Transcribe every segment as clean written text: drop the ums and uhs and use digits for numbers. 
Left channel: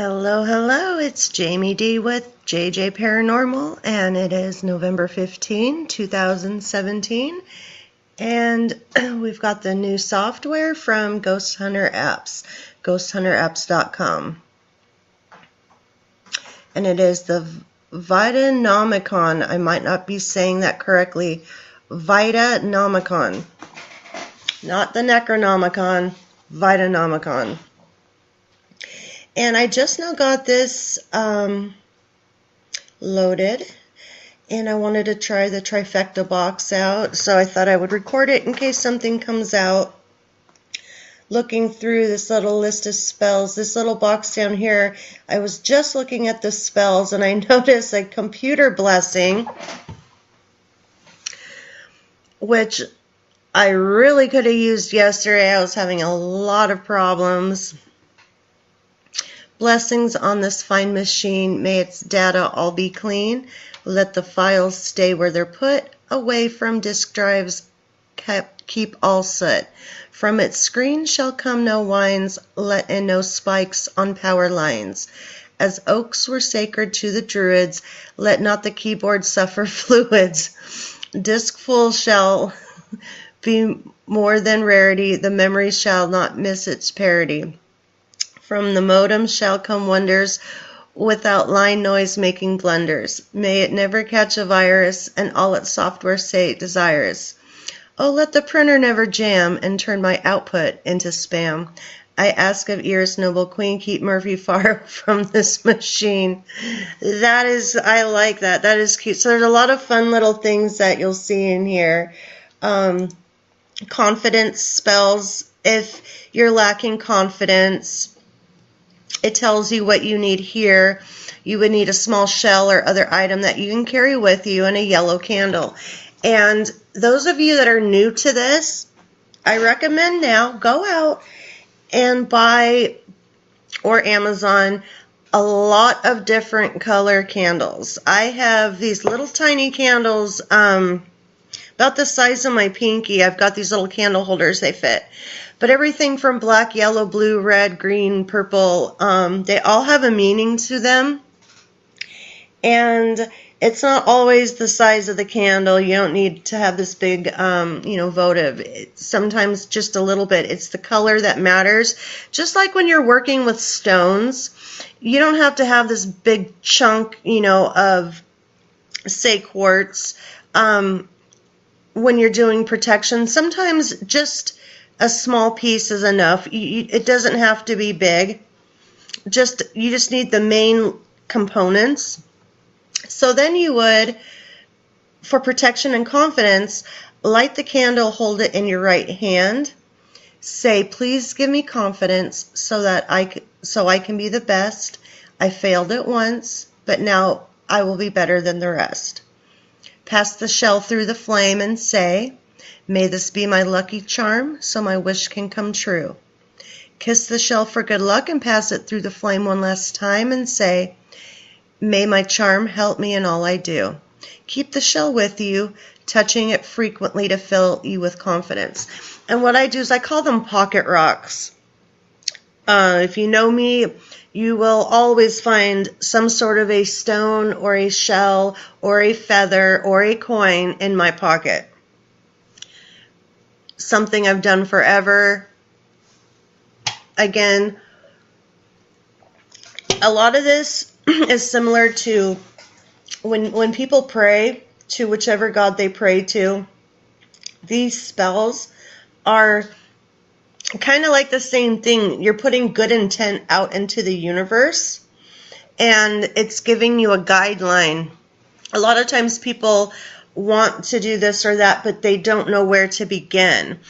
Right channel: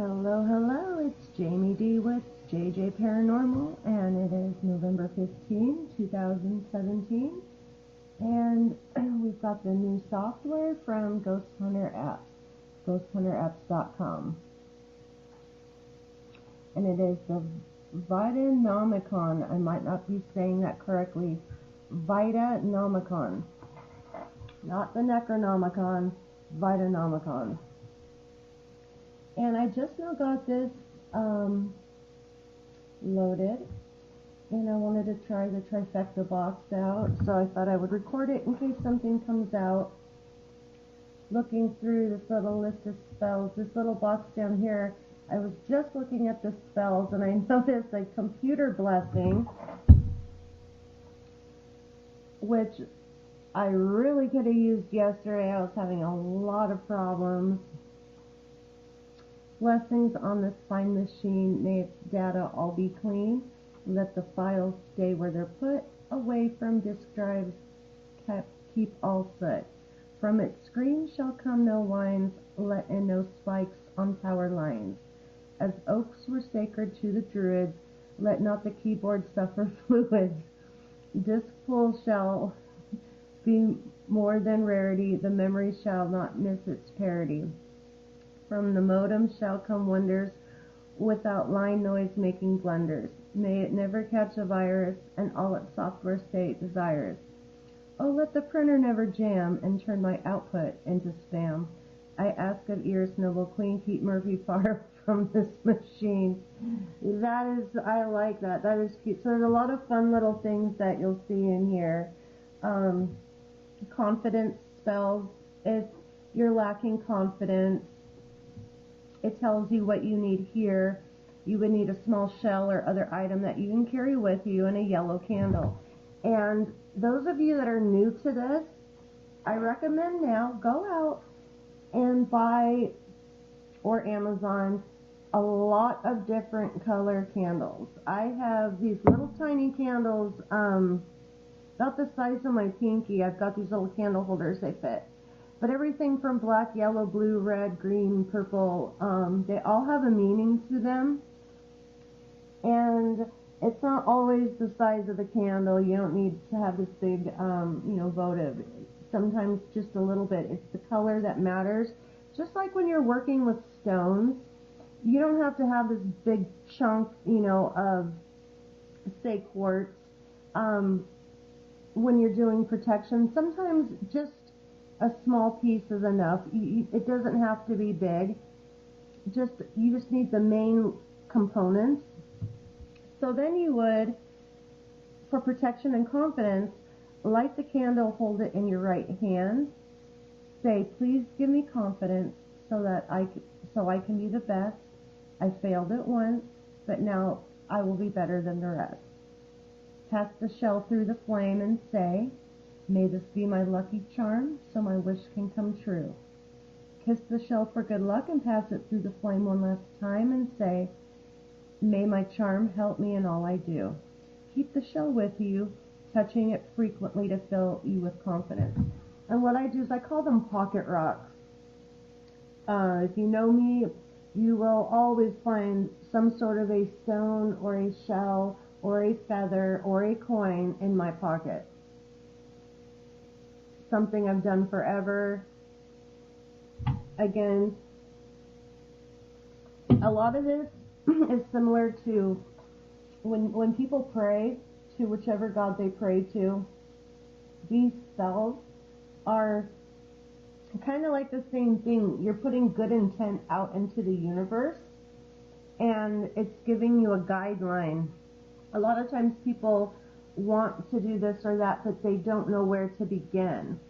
Hello, hello, it's Jamie D with JJ Paranormal, and it is November 15, 2017, and we've got the new software from GhostHunterApps, GhostHunterApps.com, and it is the Vitaenomicon. I might not be saying that correctly. Vitaenomicon, not the Necronomicon, Vitaenomicon. And I just now got this loaded, and I wanted to try the Trifecta box out, so I thought I would record it in case something comes out. Looking through this little list of spells, this little box down here, I was just looking at the spells, and I noticed a computer blessing, which I really could have used yesterday. I was having a lot of problems. Blessings on this fine machine, may its data all be clean. Let the files stay where they're put, away from disk drives, keep all soot. From its screen shall come no whines, let in no spikes on power lines. As oaks were sacred to the druids, let not the keyboard suffer fluids. Disk full shall be more than rarity, the memory shall not miss its parity. From the modem shall come wonders, without line noise making blunders. May it never catch a virus, and all its software say desirous. Oh, let the printer never jam, and turn my output into spam. I ask of ears, noble queen, keep Murphy far from this machine. That is, I like that. That is cute. So there's a lot of fun little things that you'll see in here. Confidence spells. If you're lacking confidence, it tells you what you need here. You would need a small shell or other item that you can carry with you and a yellow candle. And those of you that are new to this, I recommend now go out and buy, or Amazon, a lot of different color candles. I have these little tiny candles, about the size of my pinky. I've got these little candle holders, they fit. But everything from black, yellow, blue, red, green, purple, they all have a meaning to them. And it's not always the size of the candle. You don't need to have this big, votive. Sometimes just a little bit. It's the color that matters. Just like when you're working with stones, you don't have to have this big chunk, of, say, quartz. When you're doing protection, sometimes just a small piece is enough. It doesn't have to be big. You just need the main components. So then you would, for protection and confidence, light the candle, hold it in your right hand. Say, please give me confidence so that I can be the best. I failed it once, but now I will be better than the rest. Pass the shell through the flame and say, may this be my lucky charm, so my wish can come true. Kiss the shell for good luck and pass it through the flame one last time and say, may my charm help me in all I do. Keep the shell with you, touching it frequently to fill you with confidence. And what I do is I call them pocket rocks. If you know me, you will always find some sort of a stone or a shell or a feather or a coin in my pocket. Something I've done forever. Again, a lot of this is similar to when people pray to whichever god they pray to. These spells are kind of like the same thing. You're putting good intent out into the universe, and it's giving you a guideline. A lot of times people want to do this or that, but they don't know where to begin.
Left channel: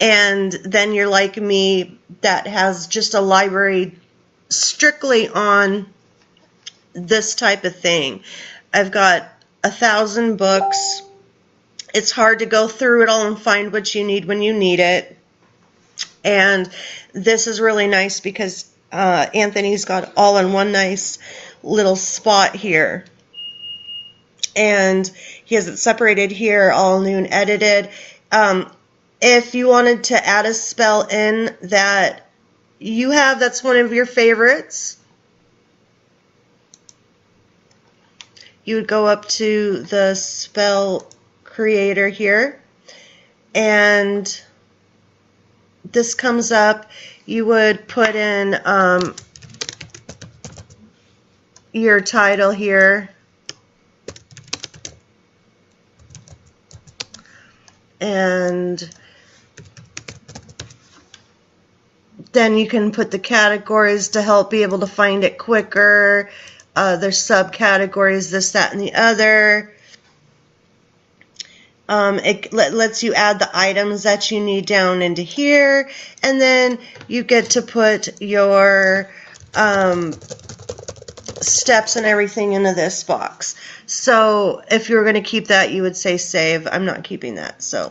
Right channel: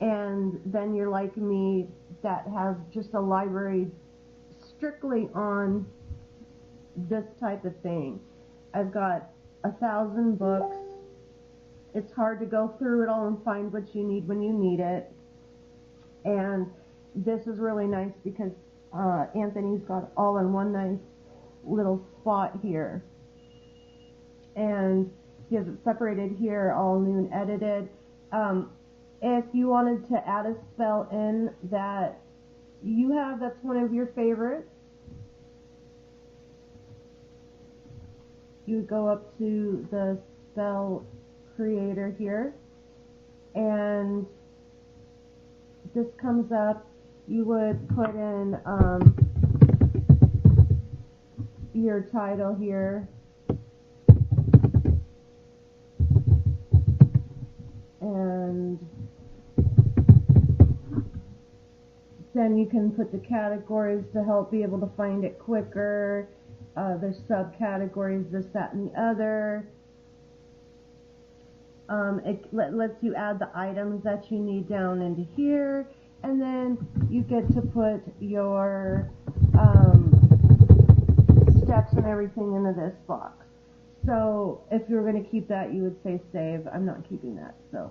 And then you're like me, that has just a library strictly on this type of thing. I've got 1,000 books. It's hard to go through it all and find what you need when you need it. And this is really nice because Anthony's got all in one nice little spot here. And he has it separated here, all new and edited. If you wanted to add a spell in that you have that's one of your favorites, you would go up to the spell creator here, and this comes up. You would put in your title here, and then you can put the categories to help be able to find it quicker. There's subcategories, this, that, and the other. It lets you add the items that you need down into here, and then you get to put your steps and everything into this box. So if you were going to keep that, you would say save. I'm not keeping that, so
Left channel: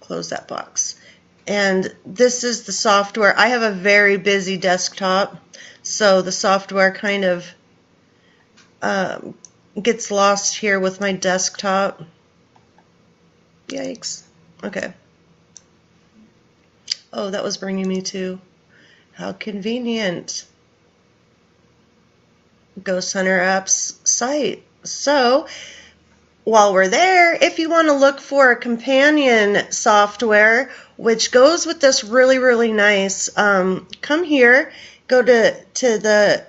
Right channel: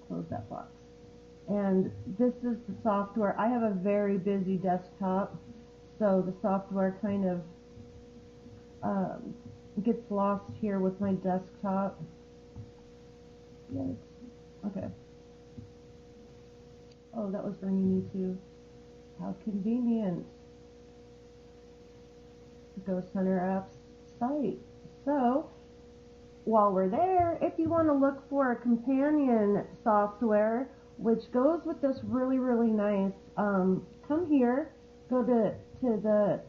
close that box. And this is the software. I have a very busy desktop, so the software kind of gets lost here with my desktop. Yikes. Okay. Oh, that was bringing me to, how convenient, GhostHunterApps site. So while we're there, if you want to look for a companion software which goes with this really, really nice, come here, go to the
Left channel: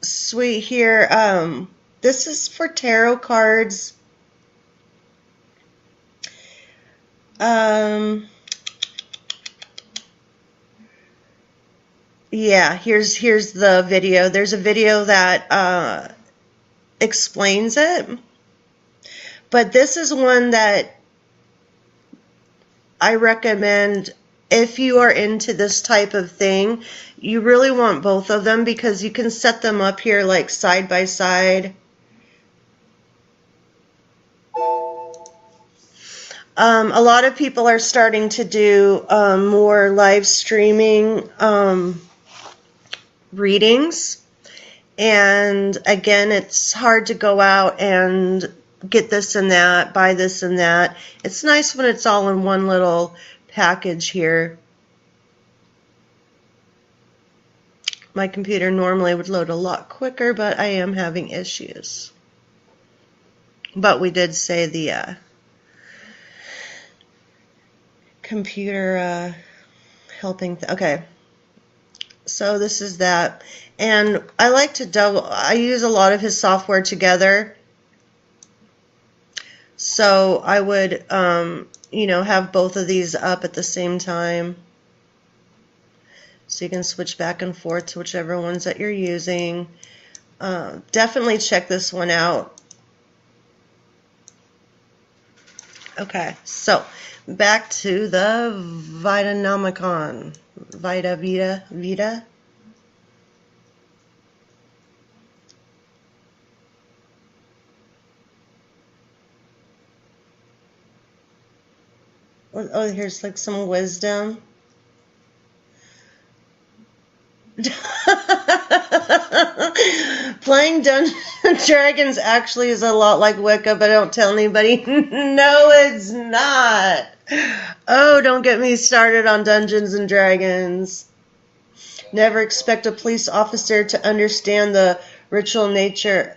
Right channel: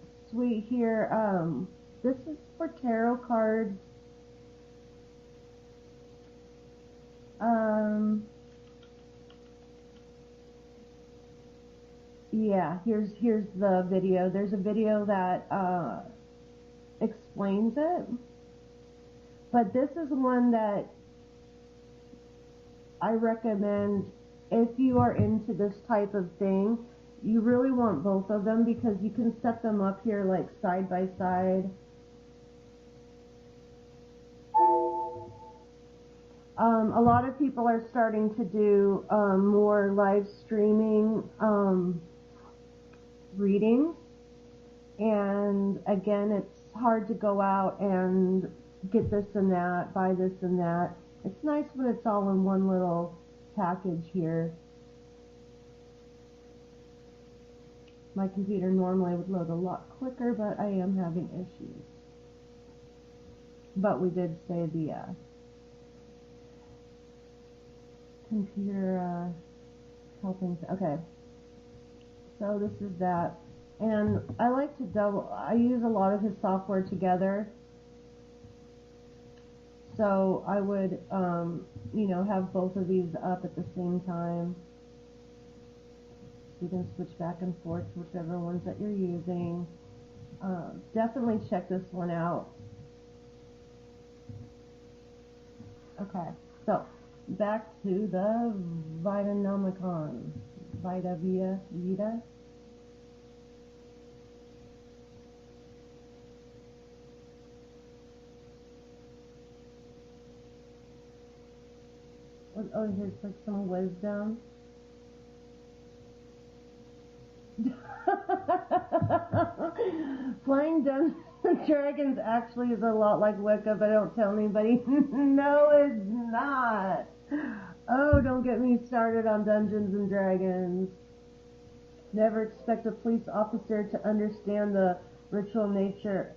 suite here. This is for tarot cards. Yeah, here's the video. There's a video that explains it. But this is one that I recommend if you are into this type of thing. You really want both of them because you can set them up here like side by side. A lot of people are starting to do more live streaming readings, and again, it's hard to go out and get this and that, buy this and that. It's nice when it's all in one little package here. My computer normally would load a lot quicker, but I am having issues. But we did say the computer helping. Okay, so this is that, and I like to I use a lot of his software together. So I would, you know, have both of these up at the same time. So you can switch back and forth to whichever ones that you're using. Definitely check this one out. Okay, so back to the Vitaenomicon. Vita. Oh, here's like some wisdom. Playing Dungeons and Dragons actually is a lot like Wicca, but don't tell anybody. No, it's not. Oh, don't get me started on Dungeons and Dragons. Never expect a police officer to understand the ritual nature.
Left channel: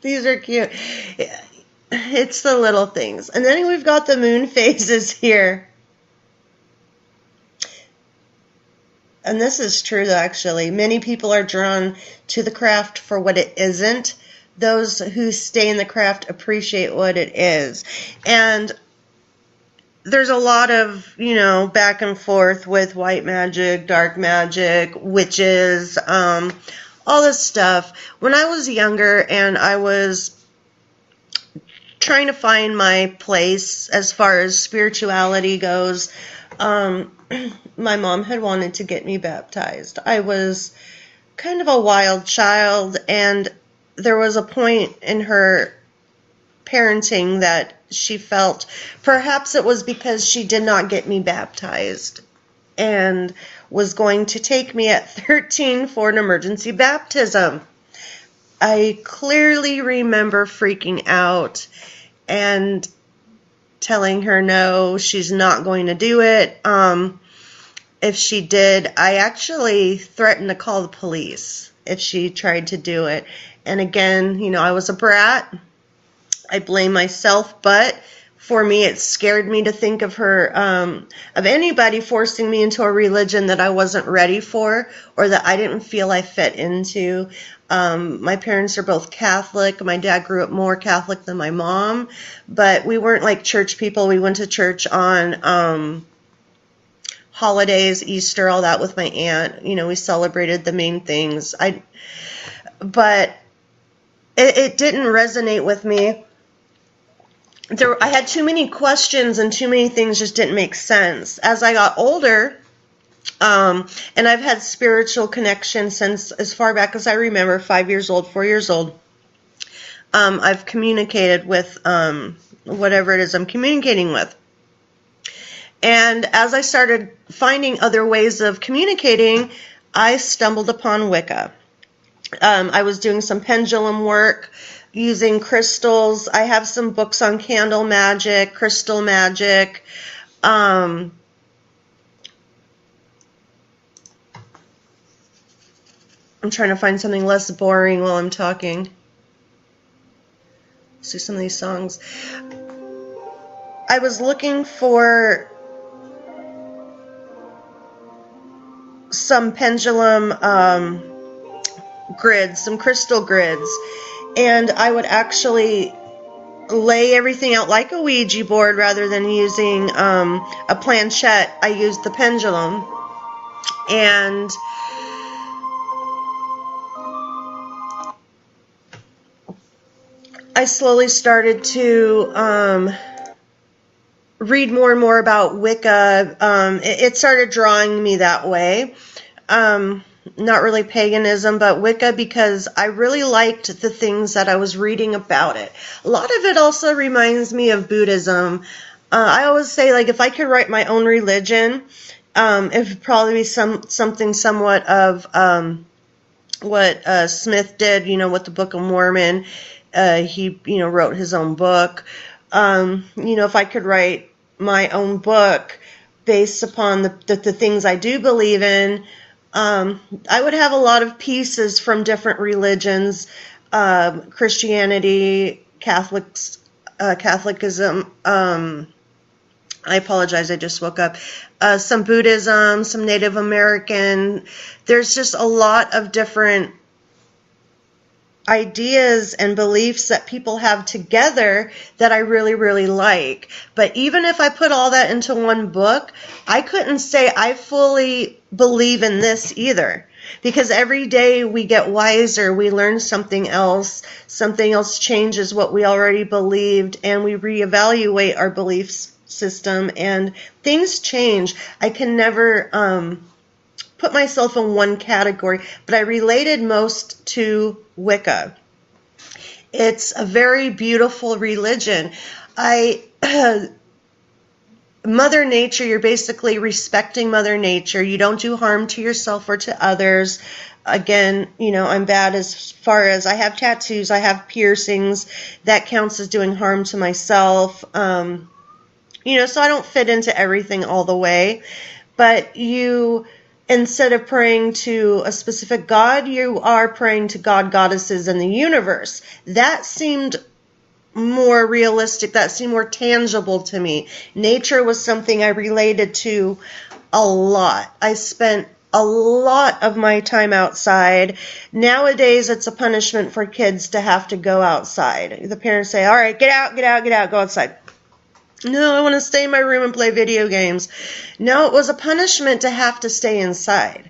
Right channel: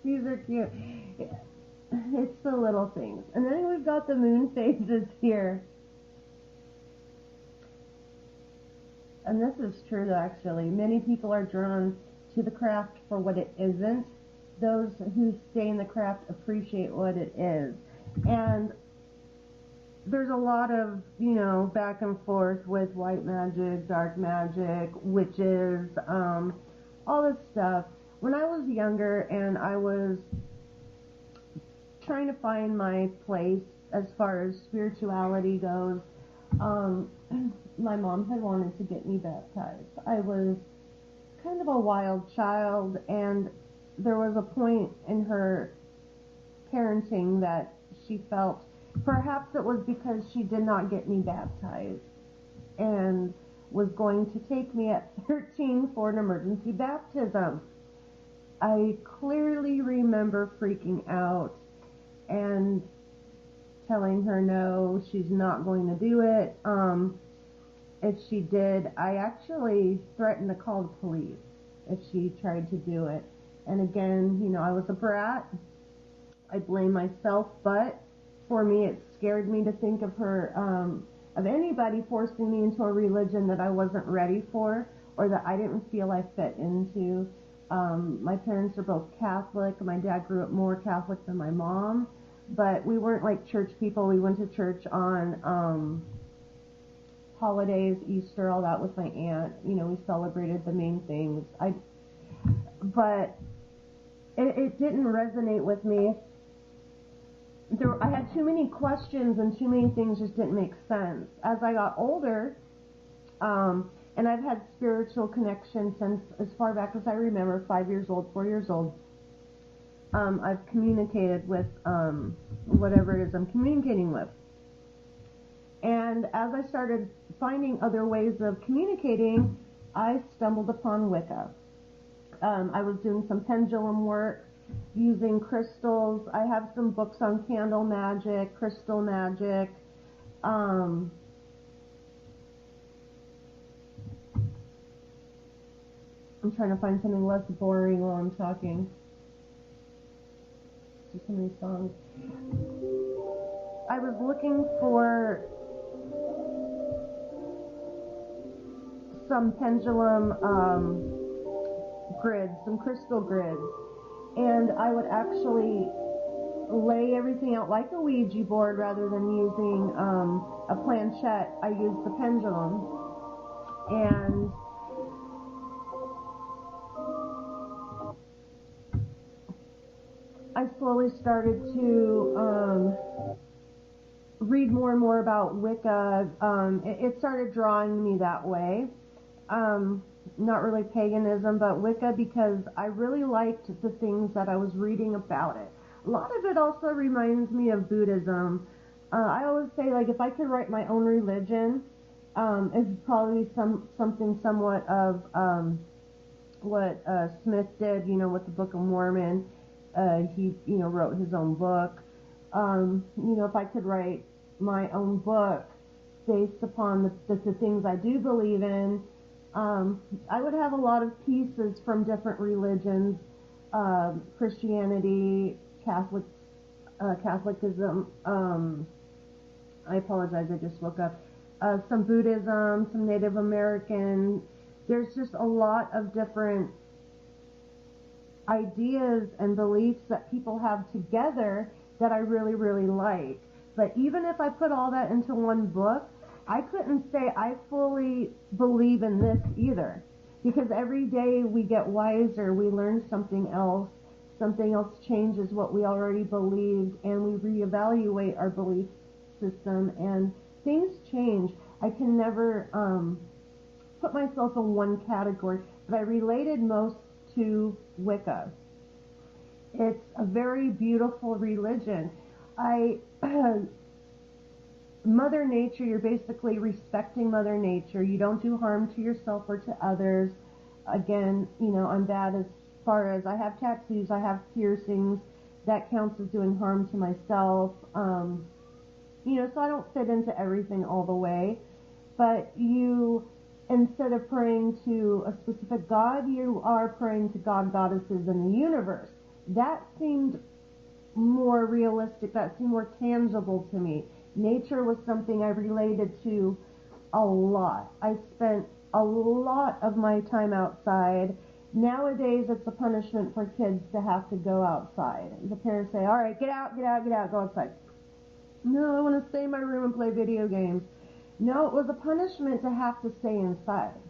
These are cute. It's the little things. And then we've got the moon phases here. And this is true, actually. Many people are drawn to the craft for what it isn't. Those who stay in the craft appreciate what it is. And there's a lot of, you know, back and forth with white magic, dark magic, witches, all this stuff. When I was younger and I was trying to find my place as far as spirituality goes, my mom had wanted to get me baptized. I was kind of a wild child, and there was a point in her parenting that she felt perhaps it was because she did not get me baptized and was going to take me at 13 for an emergency baptism. I clearly remember freaking out and telling her no, she's not going to do it. if she did, I actually threatened to call the police if she tried to do it. And again, you know, I was a brat. I blame myself, but for me, it scared me to think of her, of anybody forcing me into a religion that I wasn't ready for or that I didn't feel I fit into. My parents are both Catholic. My dad grew up more Catholic than my mom, but we weren't like church people. We went to church on holidays, Easter, all that with my aunt. You know, we celebrated the main things. But it didn't resonate with me. I had too many questions and too many things just didn't make sense. As I got older, and I've had spiritual connection since as far back as I remember, 5 years old, 4 years old. I've communicated with whatever it is I'm communicating with. And as I started finding other ways of communicating, I stumbled upon Wicca. I was doing some pendulum work using crystals. I have some books on candle magic, crystal magic. I'm trying to find something less boring while I'm talking. See some of these songs. I was looking for some pendulum grids, some crystal grids, and I would actually lay everything out like a Ouija board rather than using a planchette. I used the pendulum, and I slowly started to read more and more about Wicca. It started drawing me that way. Not really paganism, but Wicca, because I really liked the things that I was reading about it. A lot of it also reminds me of Buddhism. I always say, like, if I could write my own religion, it would probably be something somewhat of what Smith did, you know, with the Book of Mormon. He, you know, wrote his own book. You know, if I could write my own book based upon the things I do believe in, I would have a lot of pieces from different religions, Christianity, Catholicism. I apologize, I just woke up. Some Buddhism, some Native American. There's just a lot of different ideas and beliefs that people have together that I really, really like. But even if I put all that into one book, I couldn't say I fully believe in this either. Because every day we get wiser, we learn something else changes what we already believed, and we reevaluate our belief system, and things change. I can never put myself in one category, but I related most to Wicca. It's a very beautiful religion. Mother Nature, you're basically respecting Mother Nature. You don't do harm to yourself or to others. Again, you know, I'm bad as far as I have tattoos, I have piercings. That counts as doing harm to myself. You know, so I don't fit into everything all the way. But instead of praying to a specific god, you are praying to goddesses in the universe. That seemed more realistic. That seemed more tangible to me. Nature was something I related to a lot. I spent a lot of my time outside. Nowadays, it's a punishment for kids to have to go outside. The parents say, all right, get out, go outside. No, I want to stay in my room and play video games. No, it was a punishment to have to stay inside.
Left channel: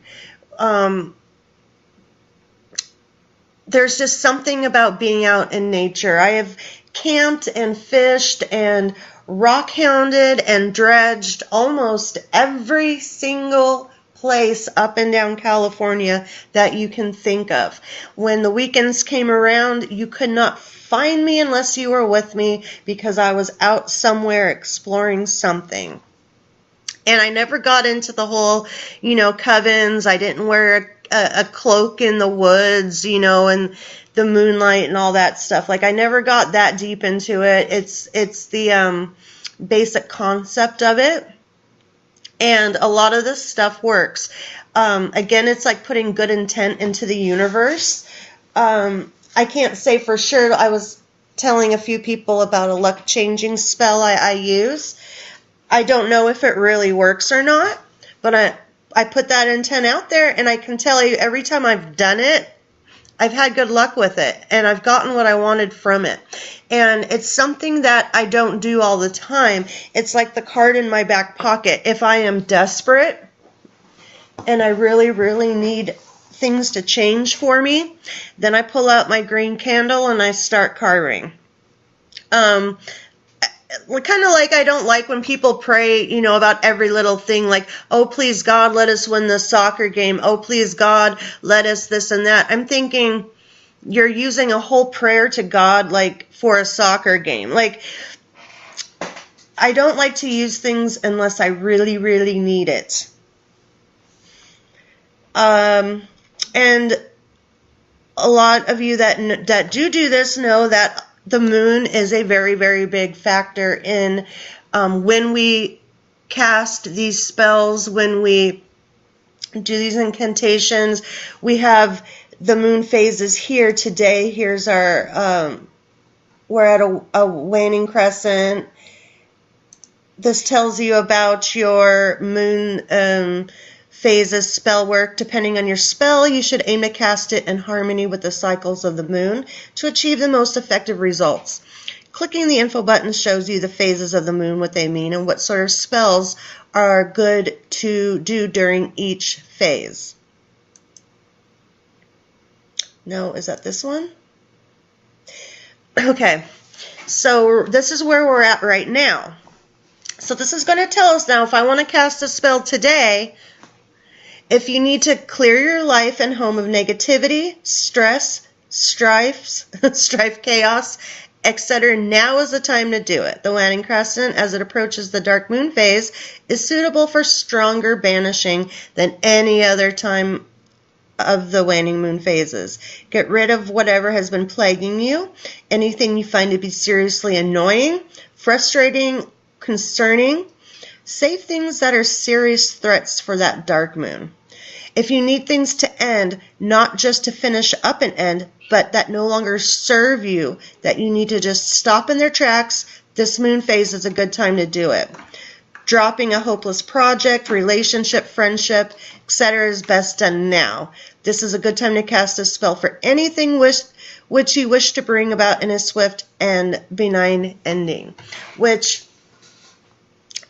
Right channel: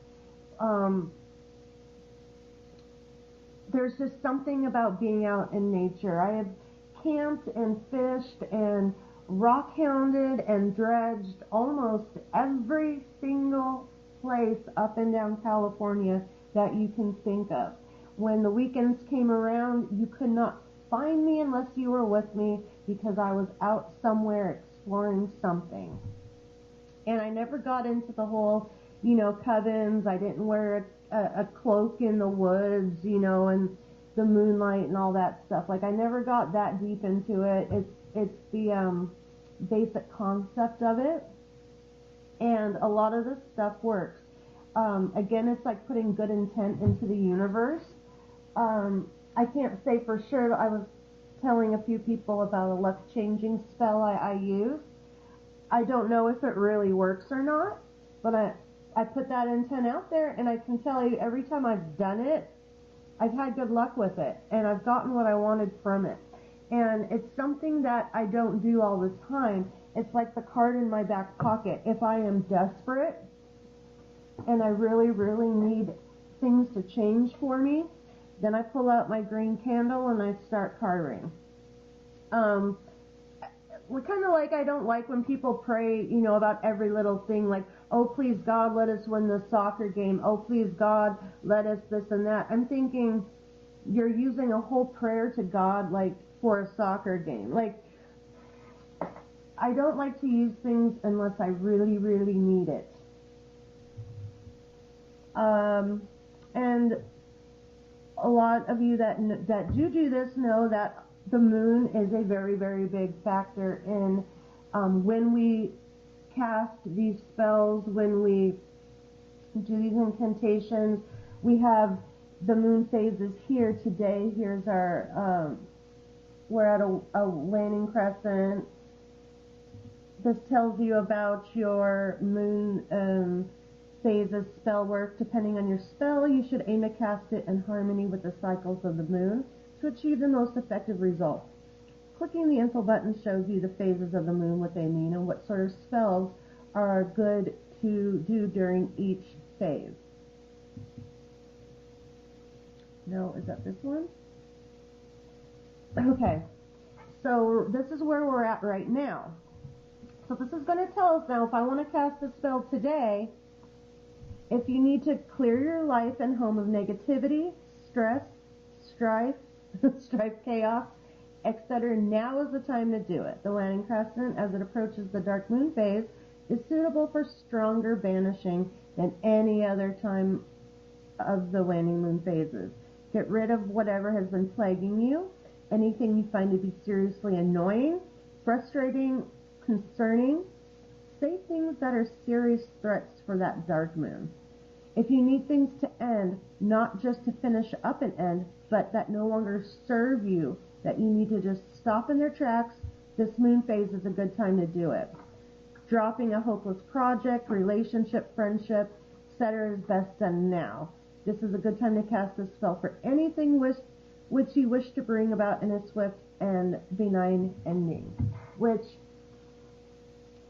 There's just something about being out in nature. I have camped and fished and rock hounded and dredged almost every single place up and down California that you can think of. When the weekends came around, you could not find me unless you were with me, because I was out somewhere exploring something. And I never got into the whole, you know, covens. I didn't wear a cloak in the woods, you know, and the moonlight and all that stuff. Like, I never got that deep into it. It's the basic concept of it. And a lot of this stuff works. Again, it's like putting good intent into the universe. I can't say for sure. I was telling a few people about a luck changing spell I use. I don't know if it really works or not, but I put that intent out there, and I can tell you every time I've done it, I've had good luck with it, and I've gotten what I wanted from it. And it's something that I don't do all the time. It's like the card in my back pocket. If I am desperate and I really, really need things to change for me, then I pull out my green candle and I start carving. Kind of like I don't like when people pray, you know, about every little thing, like, oh, please, God, let us win the soccer game. Oh, please, God, let us this and that. I'm thinking you're using a whole prayer to God, like, for a soccer game. Like, I don't like to use things unless I really, really need it. And a lot of you that do this know that the moon is a very, very big factor in when we cast these spells, when we do these incantations. We have the moon phases here today. Here's our, we're at a waning crescent. This tells you about your moon phases spell work. Depending on your spell, you should aim to cast it in harmony with the cycles of the moon to achieve the most effective results. Clicking the info button shows you the phases of the moon, what they mean, and what sort of spells are good to do during each phase. No, is that this one? Okay, so this is where we're at right now. So this is going to tell us now, if I want to cast a spell today, if you need to clear your life and home of negativity, stress, strife, chaos, etc., now is the time to do it. The waning crescent, as it approaches the dark moon phase, is suitable for stronger banishing than any other time of the waning moon phases. Get rid of whatever has been plaguing you, anything you find to be seriously annoying, frustrating, concerning. Say things that are serious threats for that dark moon. If you need things to end, not just to finish up an end, but that no longer serve you, that you need to just stop in their tracks, this moon phase is a good time to do it. Dropping a hopeless project, relationship, friendship, etc. is best done now. This is a good time to cast a spell for anything which you wish to bring about in a swift and benign ending. Which,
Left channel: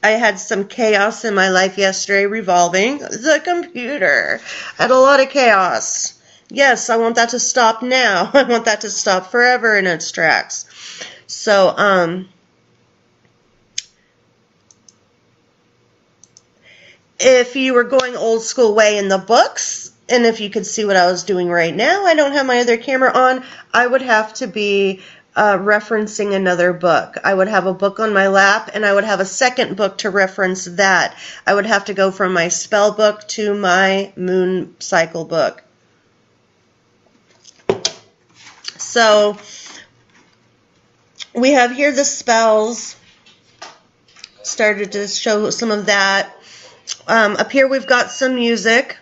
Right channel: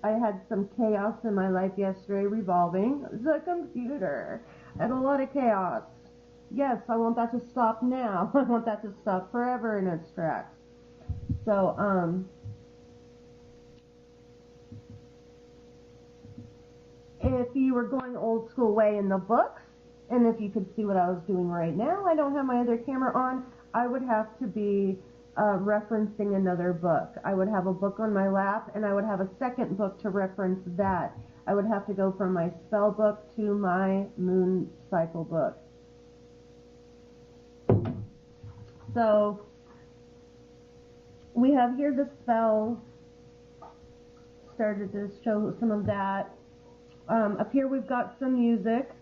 I had some chaos in my life yesterday revolving the computer. I had a lot of chaos. Yes, I want that to stop now. I want that to stop forever in its tracks. So, if you were going old school way in the books, and if you could see what I was doing right now, I don't have my other camera on, I would have to be referencing another book. I would have a book on my lap, and I would have a second book to reference that. I would have to go from my spell book to my moon cycle book. So we have here the spells. Started to show some of that. Up here we've got some music.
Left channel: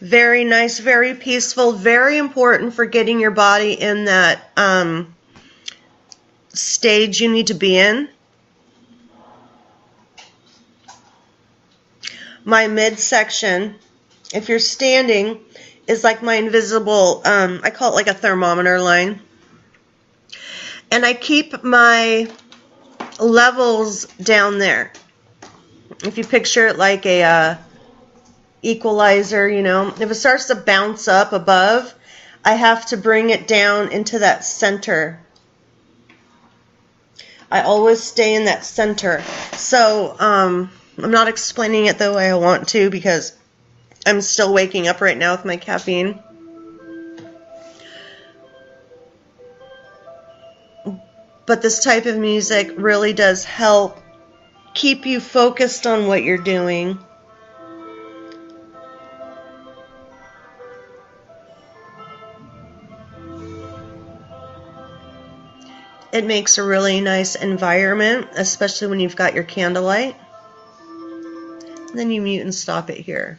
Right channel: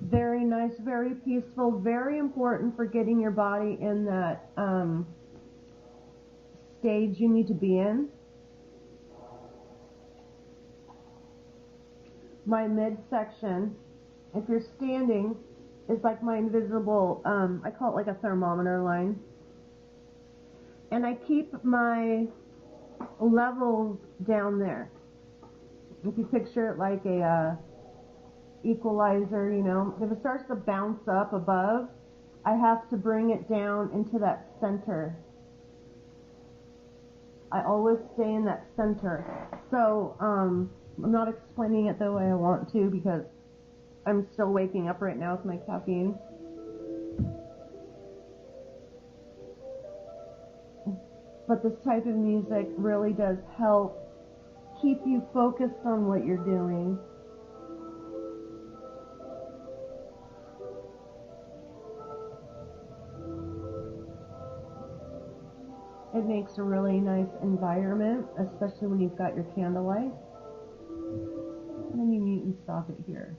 Very nice, very peaceful, very important for getting your body in that stage you need to be in. My midsection, if you're standing, is like my invisible, I call it like a thermometer line. And I keep my levels down there. If you picture it like a equalizer, you know, if it starts to bounce up above, I have to bring it down into that center. I always stay in that center. So I'm not explaining it the way I want to because I'm still waking up right now with my caffeine. But this type of music really does help keep you focused on what you're doing. It makes a really nice environment, especially when you've got your candlelight. And then you mute and stop it here.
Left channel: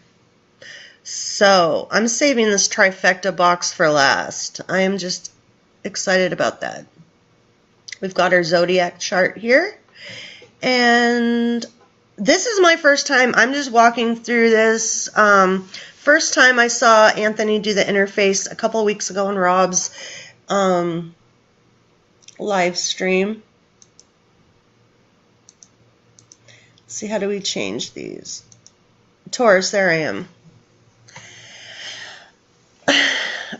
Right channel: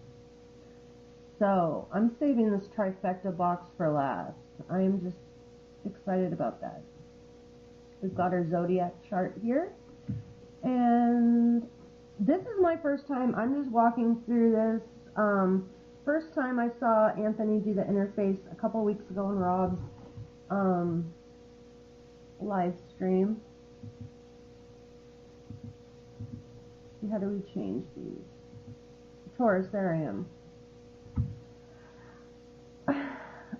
So I'm saving this trifecta box for last. I am just excited about that. We've got our zodiac chart here. And this is my first time. I'm just walking through this. First time I saw Anthony do the interface a couple weeks ago on Rob's live stream. Let's see, how do we change these? Taurus, there I am.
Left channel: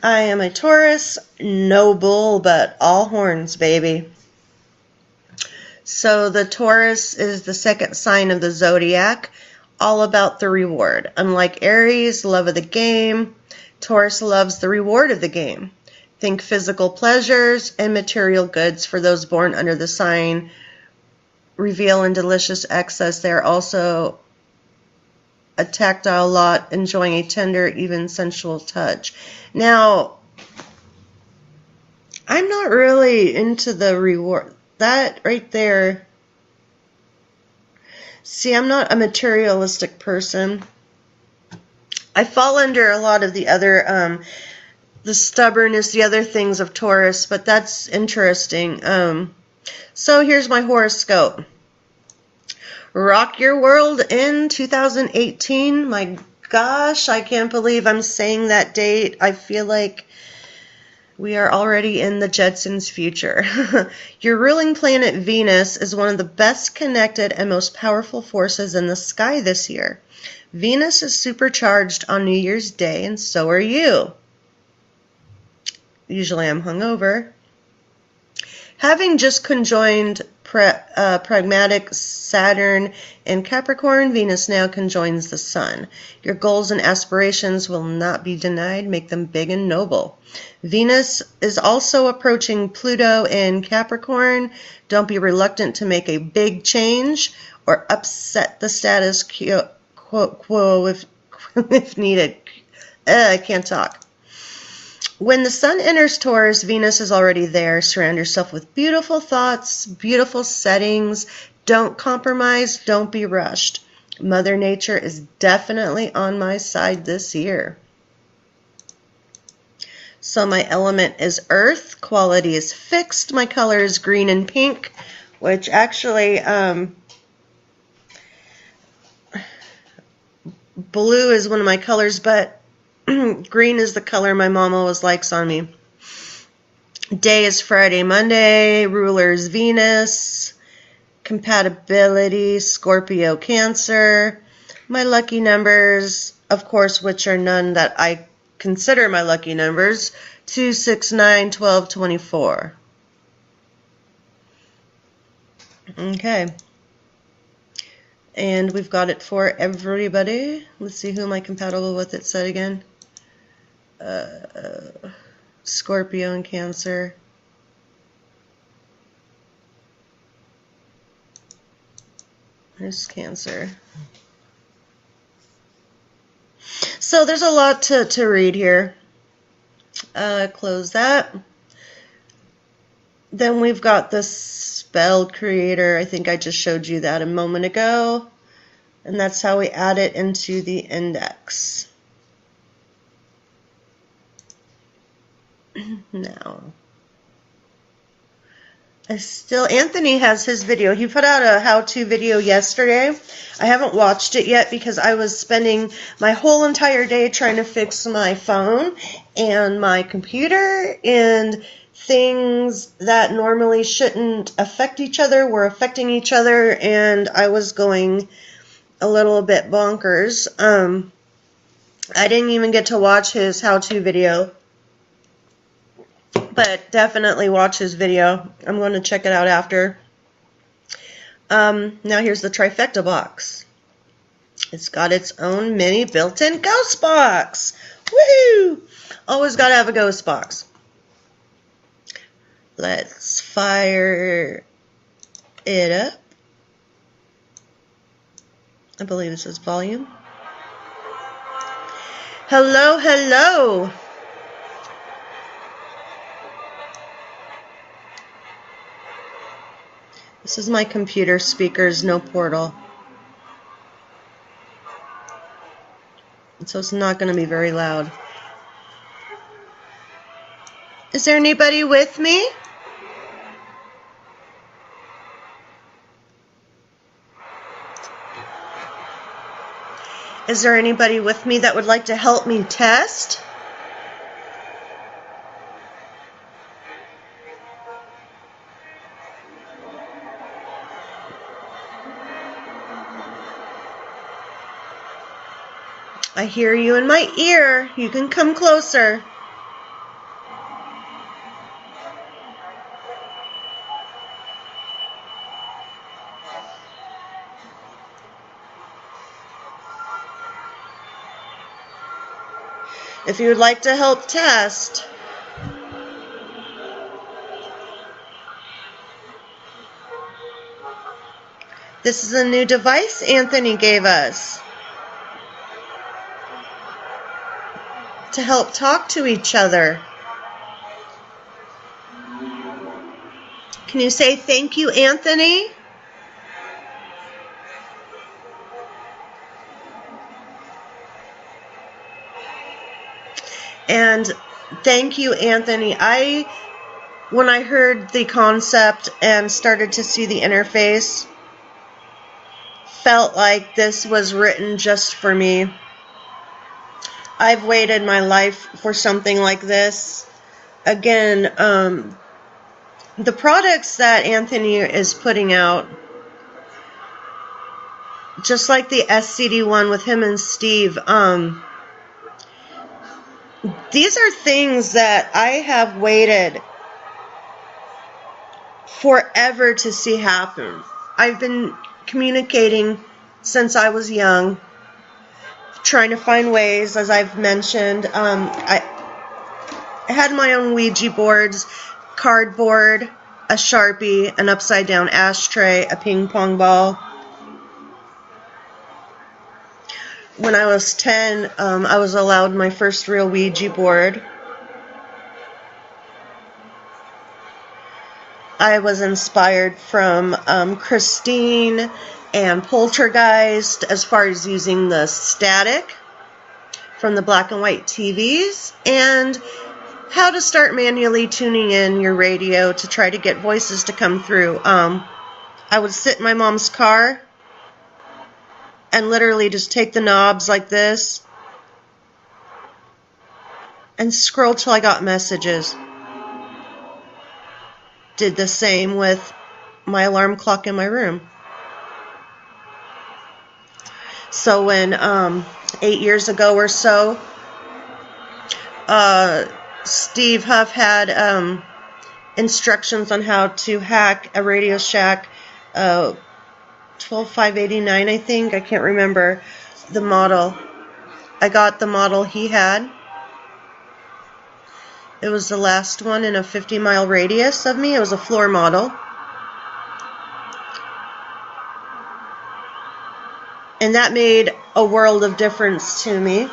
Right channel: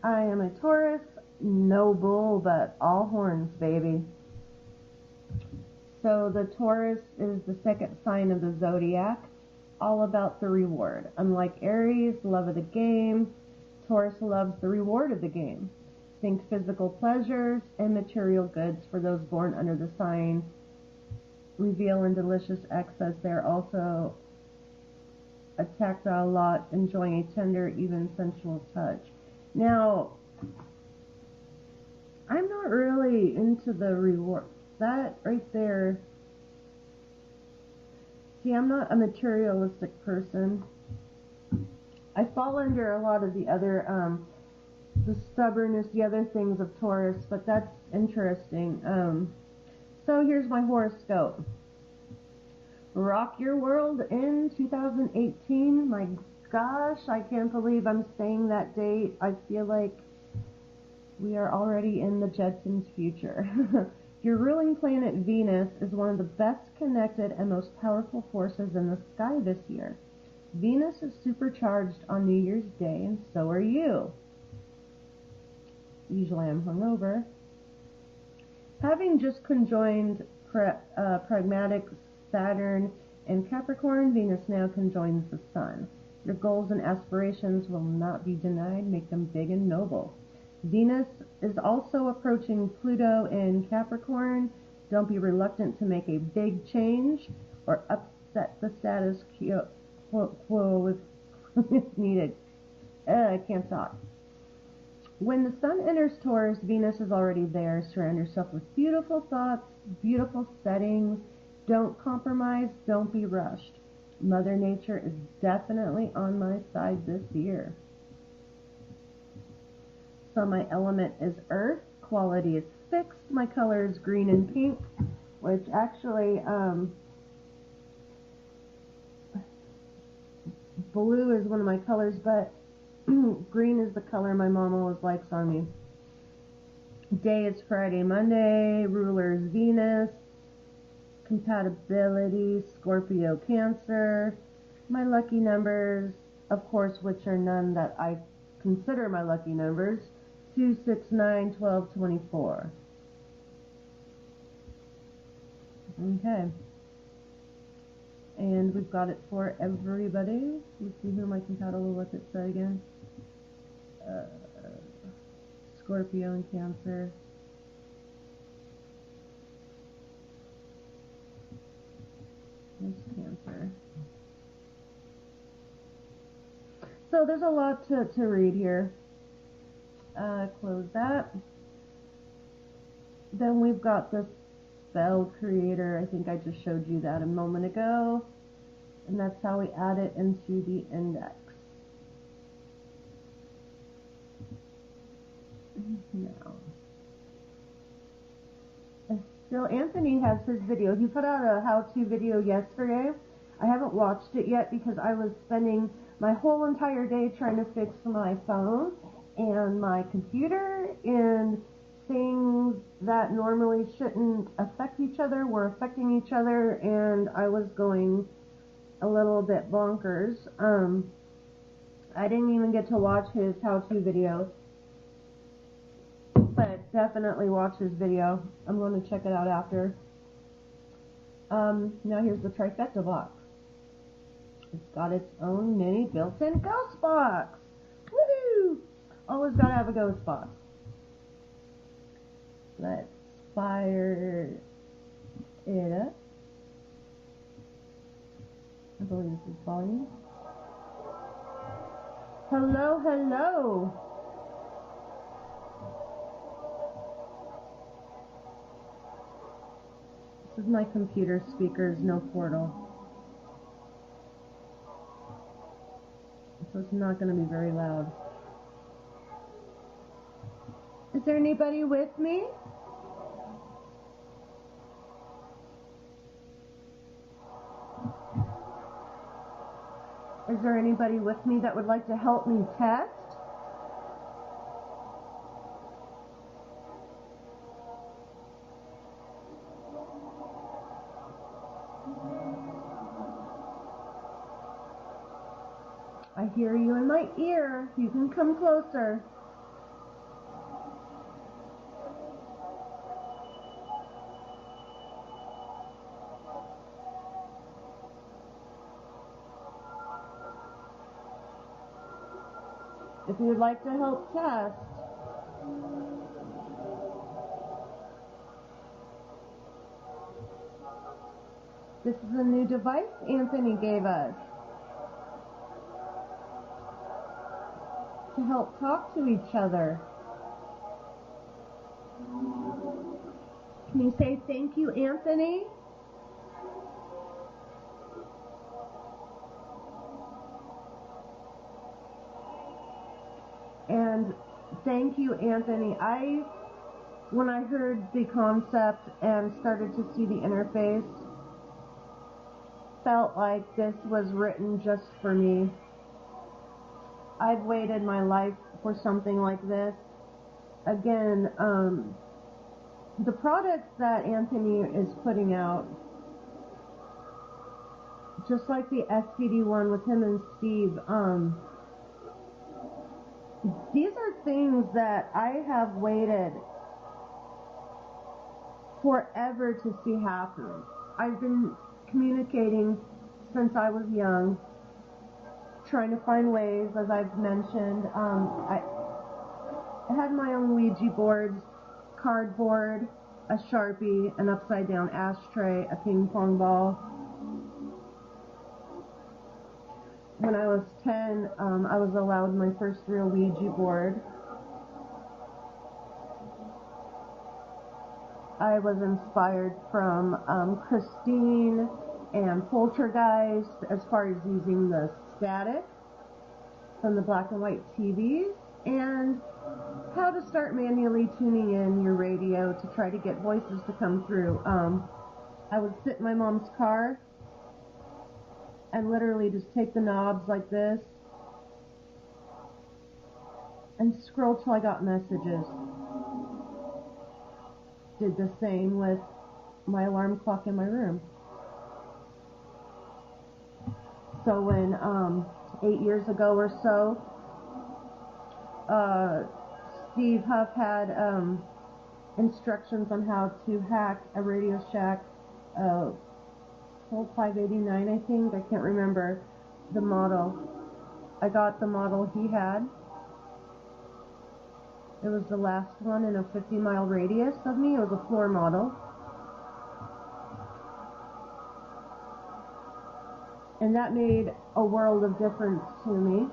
I am a Taurus, no bull, but all horns, baby. So the Taurus is the second sign of the zodiac, all about the reward. Unlike Aries, love of the game, Taurus loves the reward of the game. Think physical pleasures and material goods for those born under the sign. Reveal in delicious excess. They are also a tactile lot, enjoying a tender, even sensual touch. Now, I'm not really into the reward. That right there. See, I'm not a materialistic person. I fall under a lot of the other, the stubbornness, the other things of Taurus, but that's interesting. So here's my horoscope. Rock your world in 2018. My gosh, I can't believe I'm saying that date. I feel like we are already in the Jetsons' future. Your ruling planet Venus is one of the best connected and most powerful forces in the sky this year. Venus is supercharged on New Year's Day, and so are you. Usually I'm hungover. Having just conjoined pragmatic Saturn and Capricorn, Venus now conjoins the Sun. Your goals and aspirations will not be denied. Make them big and noble. Venus is also approaching Pluto in Capricorn. Don't be reluctant to make a big change or upset the status quo if needed. I can't talk. When the Sun enters Taurus, Venus is already there. Surround yourself with beautiful thoughts, beautiful settings. Don't compromise. Don't be rushed. Mother Nature is definitely on my side this year. So my element is Earth. Quality is fixed. My color is green and pink, which actually blue is one of my colors, but green is the color my mom always likes on me. Day is Friday, Monday. Ruler is Venus. Compatibility, Scorpio, Cancer. My lucky numbers, of course, which are none that I consider my lucky numbers. 2, 6, 9, 12, 24. Okay. And we've got it for everybody. Let's see, who am I compatible with? It said again. Scorpio and Cancer. There's Cancer. So there's a lot to read here. Close that. Then we've got the spell creator. I think I just showed you that a moment ago. And that's how we add it into the index. Now, Anthony has his video. He put out a how-to video yesterday. I haven't watched it yet because I was spending my whole entire day trying to fix my phone and my computer, and things that normally shouldn't affect each other were affecting each other, and I was going a little bit bonkers. I didn't even get to watch his how-to video, but definitely watch his video. I'm going to check it out after. Now here's the Trifecta box. It's got its own mini built-in ghost box. Woohoo! Always got to have a ghost box. Let's fire it up. I believe it says volume. Hello, hello. This is my computer speakers, no portal. so it's not going to be very loud. Is there anybody with me? Is there anybody with me that would like to help me test? I hear you in my ear. You can come closer. If you would like to help test, this is a new device Anthony gave us to help talk to each other. Can you say thank you, Anthony? And thank you, Anthony. When I heard the concept and started to see the interface, felt like this was written just for me. I've waited my life for something like this. Again, the products that Anthony is putting out, just like the SCD one with him and Steve, these are things that I have waited forever to see happen. I've been communicating since I was young, trying to find ways, as I've mentioned. I had my own Ouija boards, cardboard, a Sharpie, an upside-down ashtray, a ping pong ball. When I was 10, I was allowed my first real Ouija board. I was inspired from Christine and Poltergeist as far as using the static from the black and white TVs and how to start manually tuning in your radio to try to get voices to come through. I would sit in my mom's car and literally just take the knobs like this and scroll till I got messages. Did the same with my alarm clock in my room. So when 8 years ago or so, Steve Huff had instructions on how to hack a Radio Shack 12589, I think. I can't remember the model. I got the model he had. It was the last one in a 50-mile radius of me. It was a floor model. And that made a world of difference to me.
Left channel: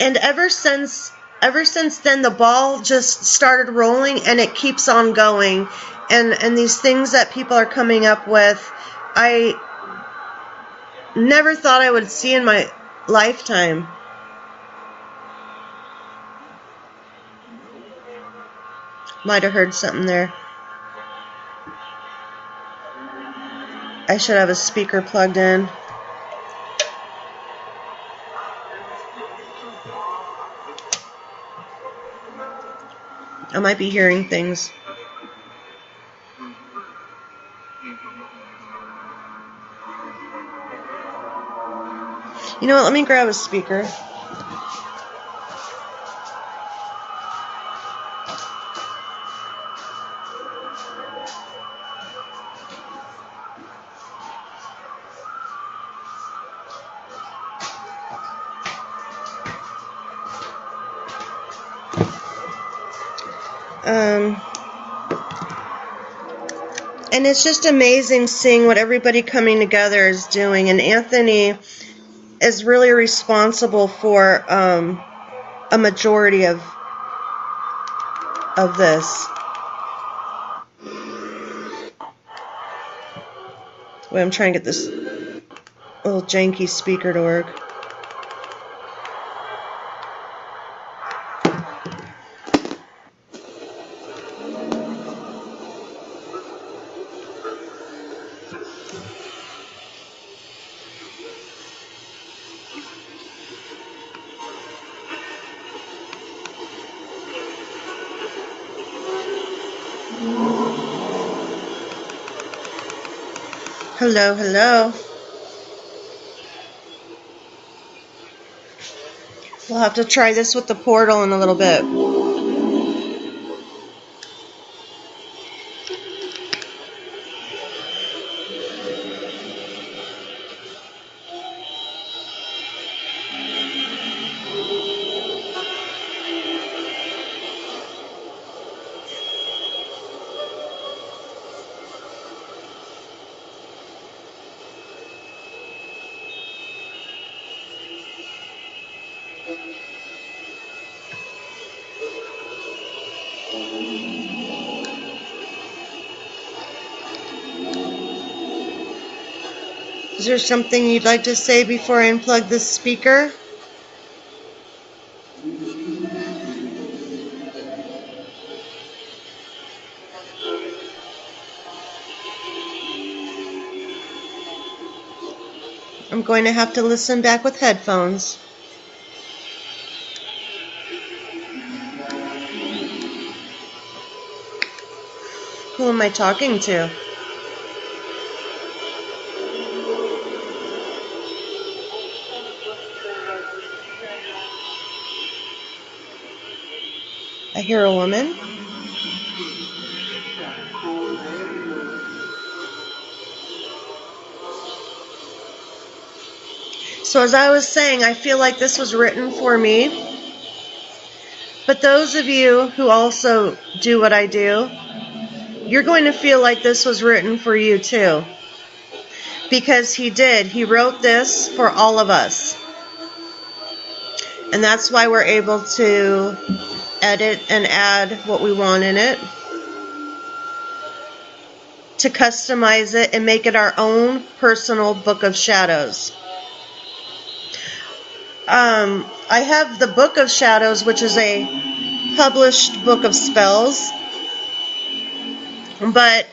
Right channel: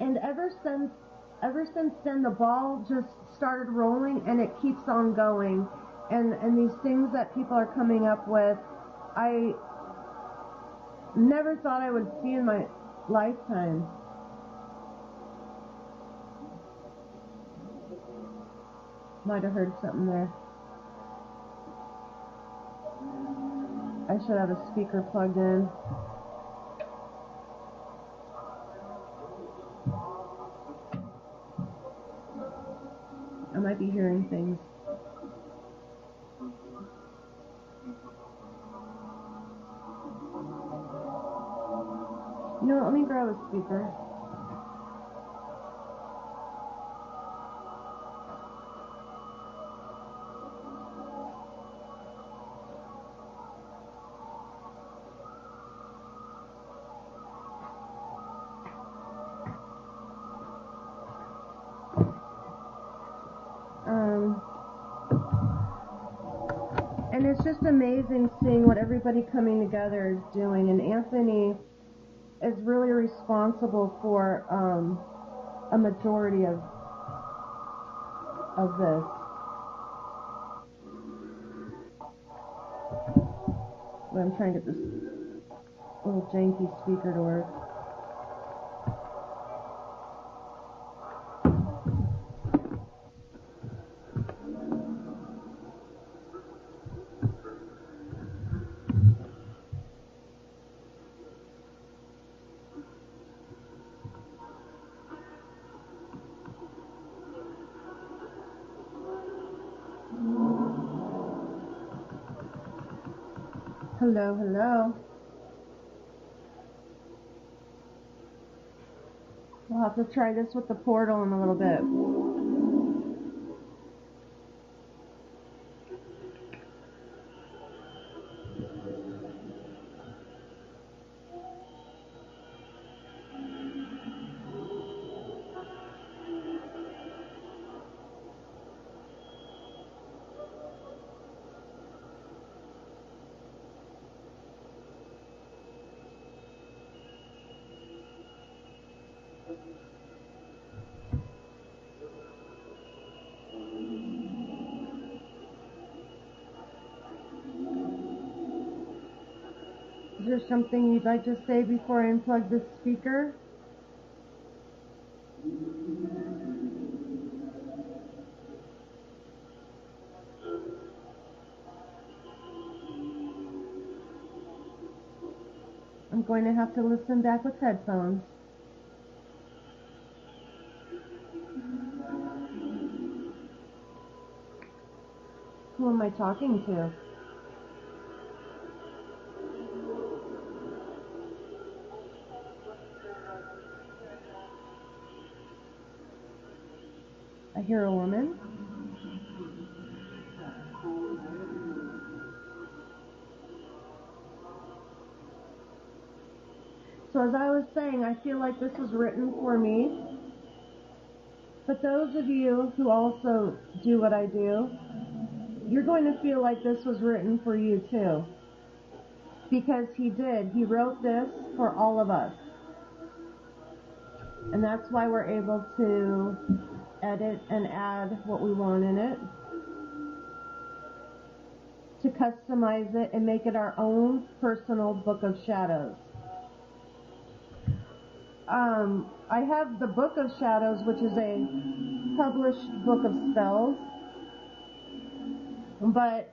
And ever since then, the ball just started rolling, and it keeps on going. And these things that people are coming up with, I never thought I would see in my lifetime. Might have heard something there. I should have a speaker plugged in. I might be hearing things. You know what? Let me grab a speaker. And it's just amazing seeing what everybody coming together is doing. And Anthony is really responsible for a majority of this. Wait, I'm trying to get this little janky speaker to work. Hello, hello. We'll have to try this with the portal in a little bit. Is there something you'd like to say before I unplug this speaker? I'm going to have to listen back with headphones. Who am I talking to? I hear a woman. So as I was saying, I feel like this was written for me. But those of you who also do what I do, you're going to feel like this was written for you too. Because he did. He wrote this for all of us. And that's why we're able to edit and add what we want in it, to customize it and make it our own personal book of shadows. I have the Book of Shadows, which is a published book of spells, but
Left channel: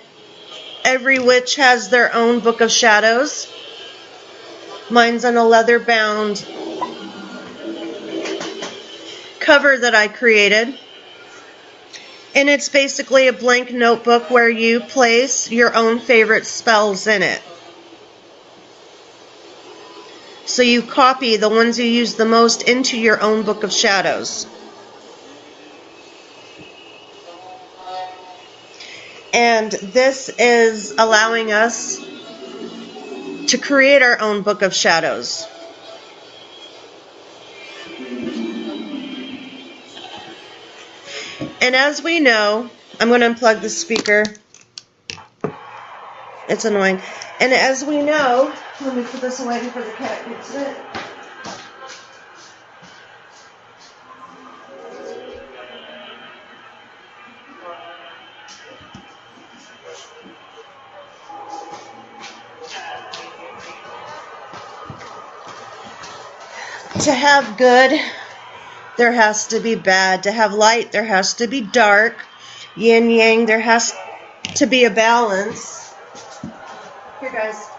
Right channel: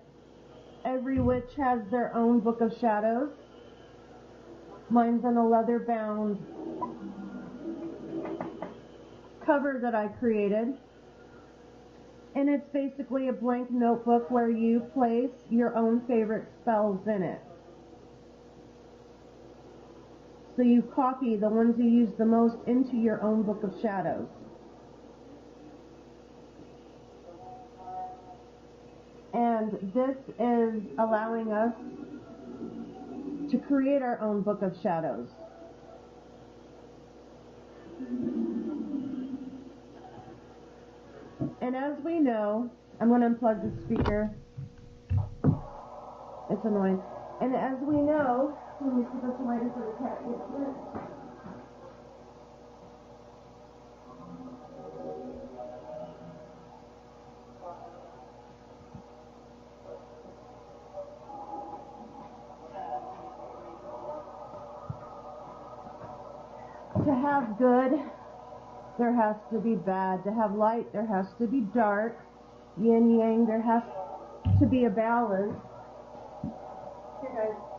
every witch has their own book of shadows. Mine's in a leather-bound cover that I created, and it's basically a blank notebook where you place your own favorite spells in it. So you copy the ones you use the most into your own book of shadows. And this is allowing us to create our own book of shadows. And as we know, I'm going to unplug the speaker. It's annoying. And as we know, let me put this away before the cat gets it. To have good, there has to be bad. To have light, there has to be dark. Yin yang, there has to be a balance. Here, guys.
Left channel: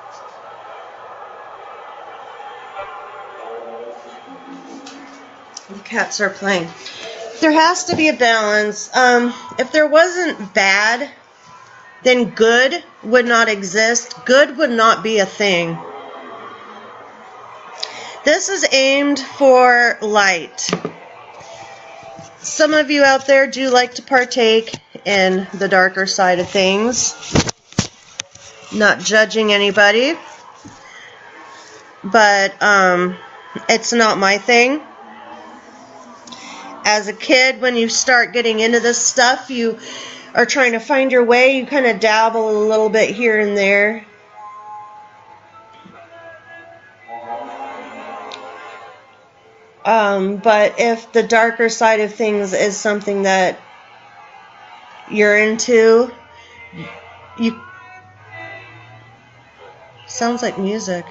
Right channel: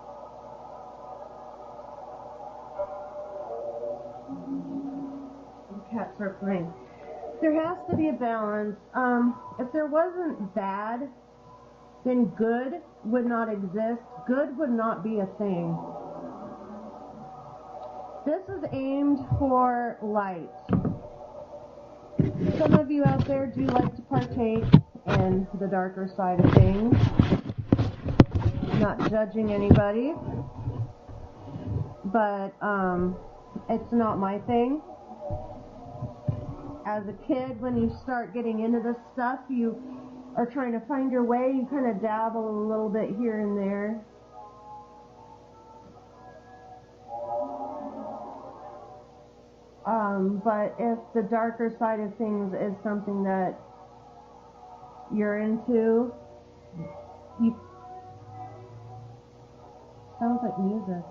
The cats are playing. There has to be a balance. If there wasn't bad, then good would not exist. Good would not be a thing. This is aimed for light. Some of you out there do like to partake in the darker side of things. Not judging anybody, but it's not my thing. As a kid, when you start getting into this stuff, you are trying to find your way. You kind of dabble a little bit here and there. But if the darker side of things is something that you're into, sounds like music.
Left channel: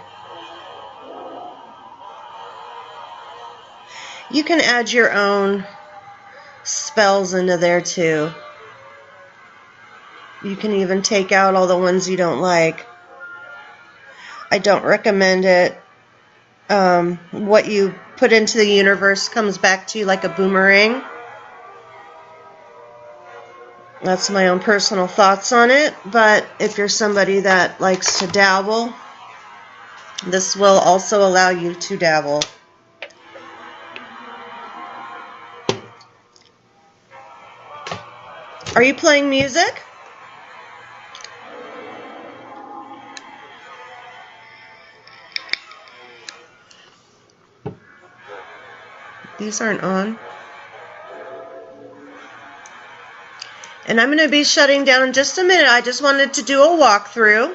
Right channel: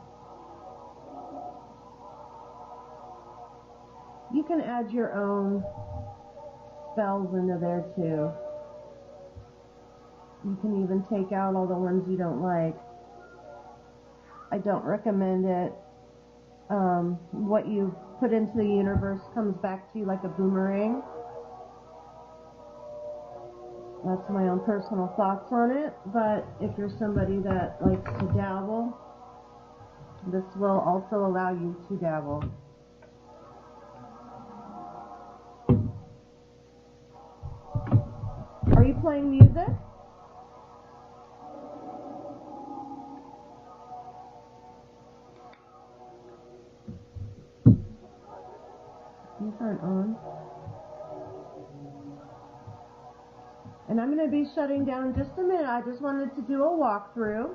You can add your own spells into there too. You can even take out all the ones you don't like. I don't recommend it. What you put into the universe comes back to you like a boomerang. That's my own personal thoughts on it, but if you're somebody that likes to dabble, this will also allow you to dabble. Are you playing music? These aren't on. And I'm going to be shutting down in just a minute. I just wanted to do a walkthrough.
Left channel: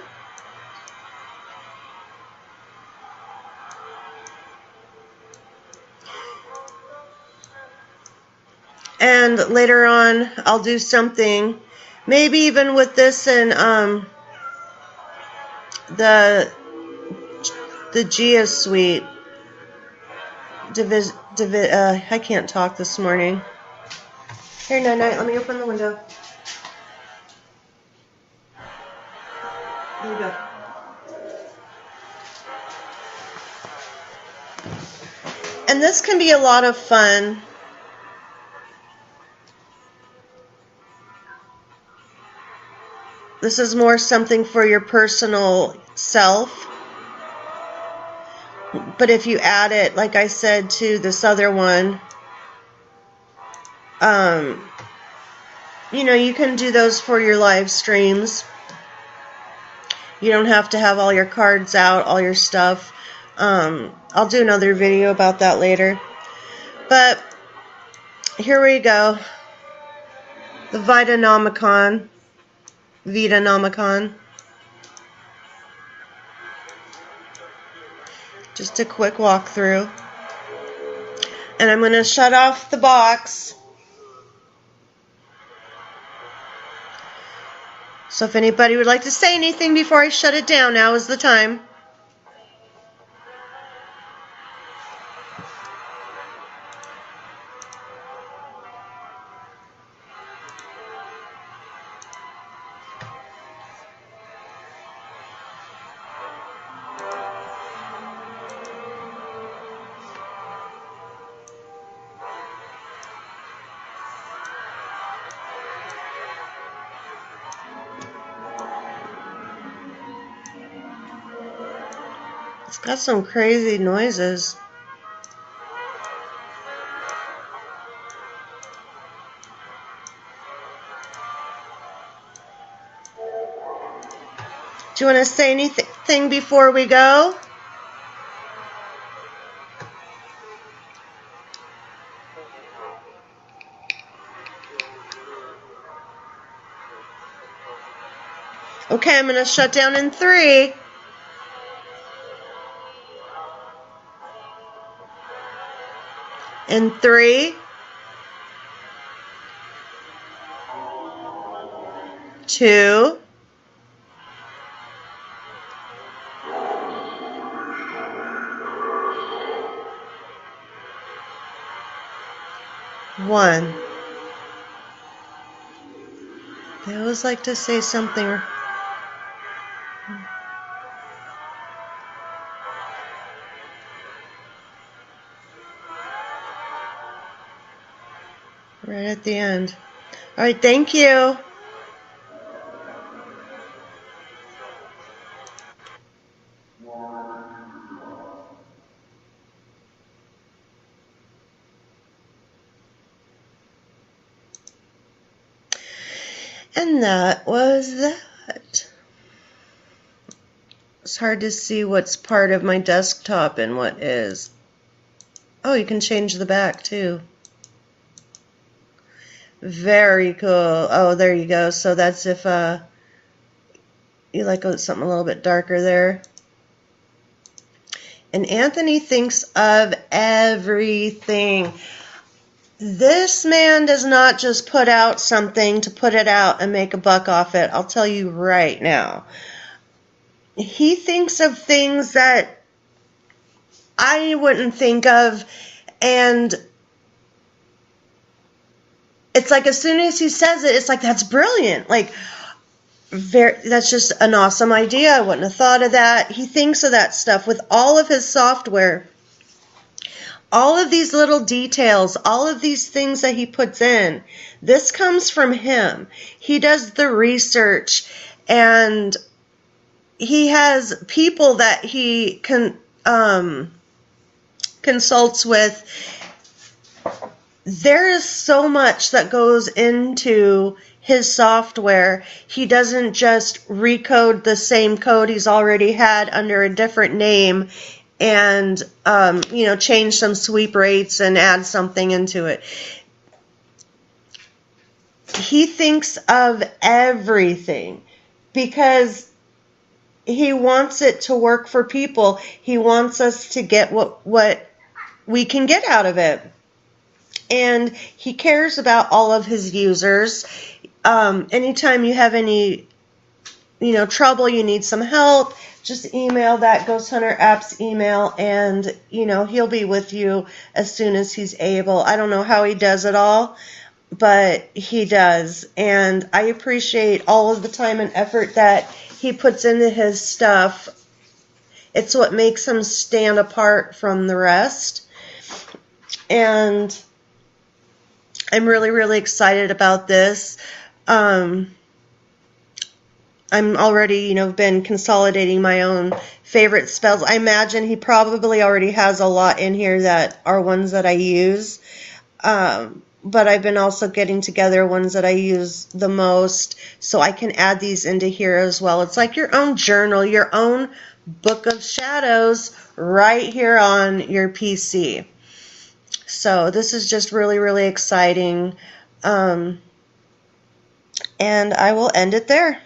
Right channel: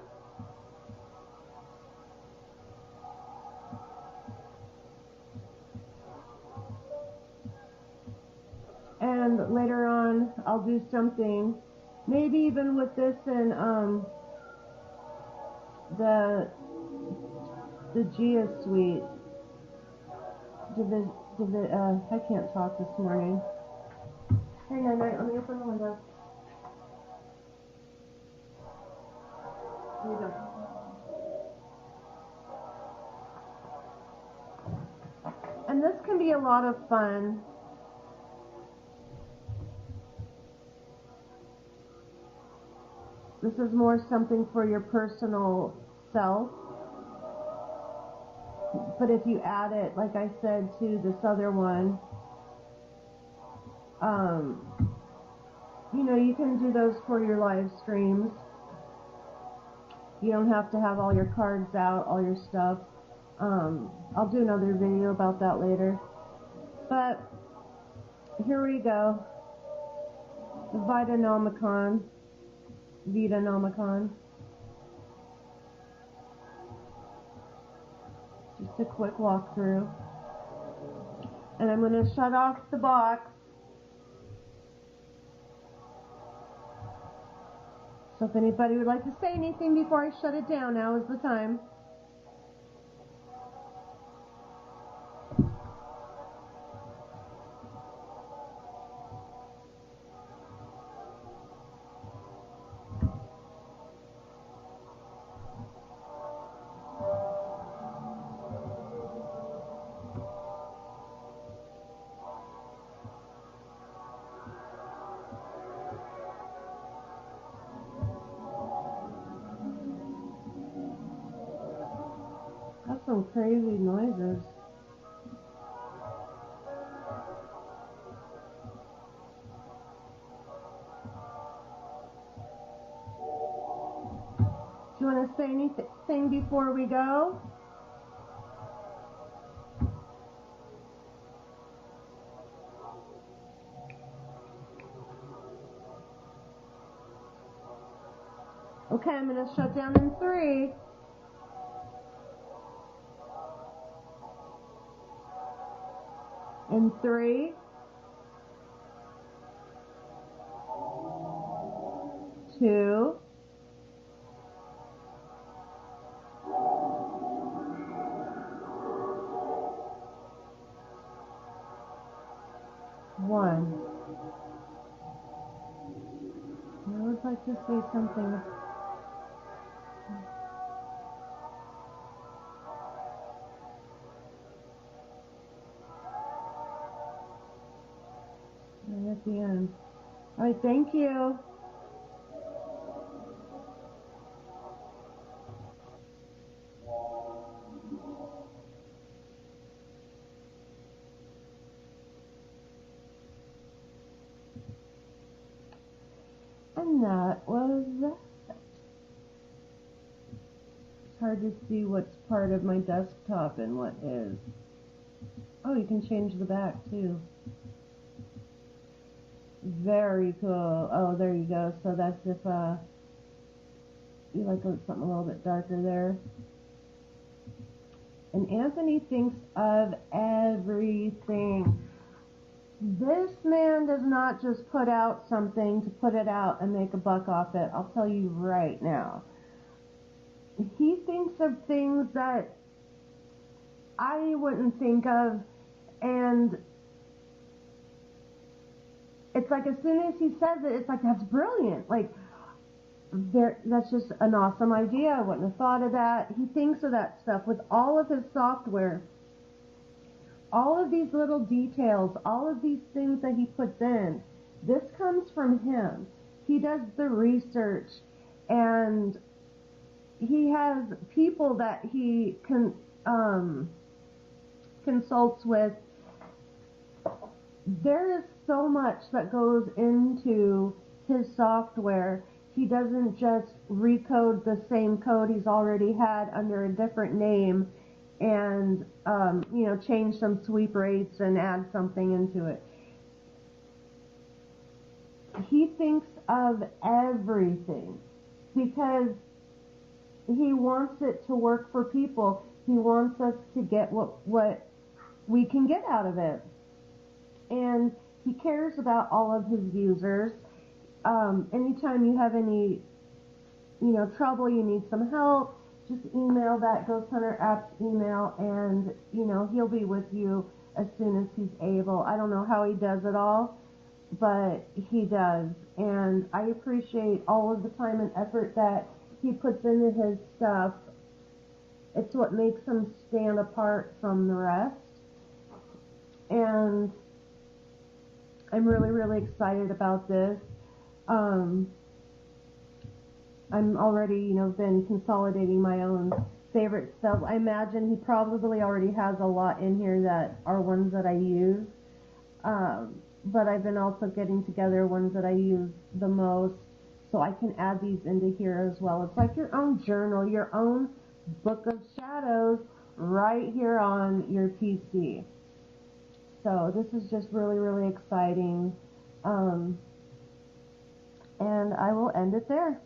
And later on, I'll do something, maybe even with this and the Gaia Suite. I can't talk this morning. Here, Night-Night, let me open the window. Here we go. And this can be a lot of fun. This is more something for your personal self. But if you add it, like I said, to this other one, you know, you can do those for your live streams. You don't have to have all your cards out, all your stuff. I'll do another video about that later. But here we go. The Vitaenomicon. Just a quick walkthrough. And I'm going to shut off the box. So if anybody would like to say anything before I shut it down, now is the time. It's got some crazy noises. Do you want to say anything before we go? Okay, I'm going to shut down in 3. In 3, 2, 1. They always like to say something. Right at the end. All right, thank you. And that was that. It's hard to see what's part of my desktop and what is. Oh, you can change the back too. Very cool. Oh, there you go. So that's if you like something a little bit darker there. And Anthony thinks of everything. This man does not just put out something to put it out and make a buck off it. I'll tell you right now. he thinks of things that I wouldn't think of, and it's like as soon as he says it, it's like, that's brilliant. Like, that's just an awesome idea. I wouldn't have thought of that. He thinks of that stuff with all of his software. All of these little details, all of these things that he puts in, this comes from him. He does the research, and he has people that he consults with. There is so much that goes into his software. He doesn't just recode the same code he's already had under a different name and change some sweep rates and add something into it. He thinks of everything because he wants it to work for people. He wants us to get what we can get out of it. And he cares about all of his users. Anytime you have any, trouble, you need some help, just email that GhostHunterApps email, and, he'll be with you as soon as he's able. I don't know how he does it all, but he does. And I appreciate all of the time and effort that he puts into his stuff. It's what makes him stand apart from the rest. And I'm really, really excited about this. I'm already, been consolidating my own favorite spells. I imagine he probably already has a lot in here that are ones that I use. But I've been also getting together ones that I use the most, so I can add these into here as well. It's like your own journal, your own book of shadows right here on your PC. So this is just really, really exciting. And I will end it there.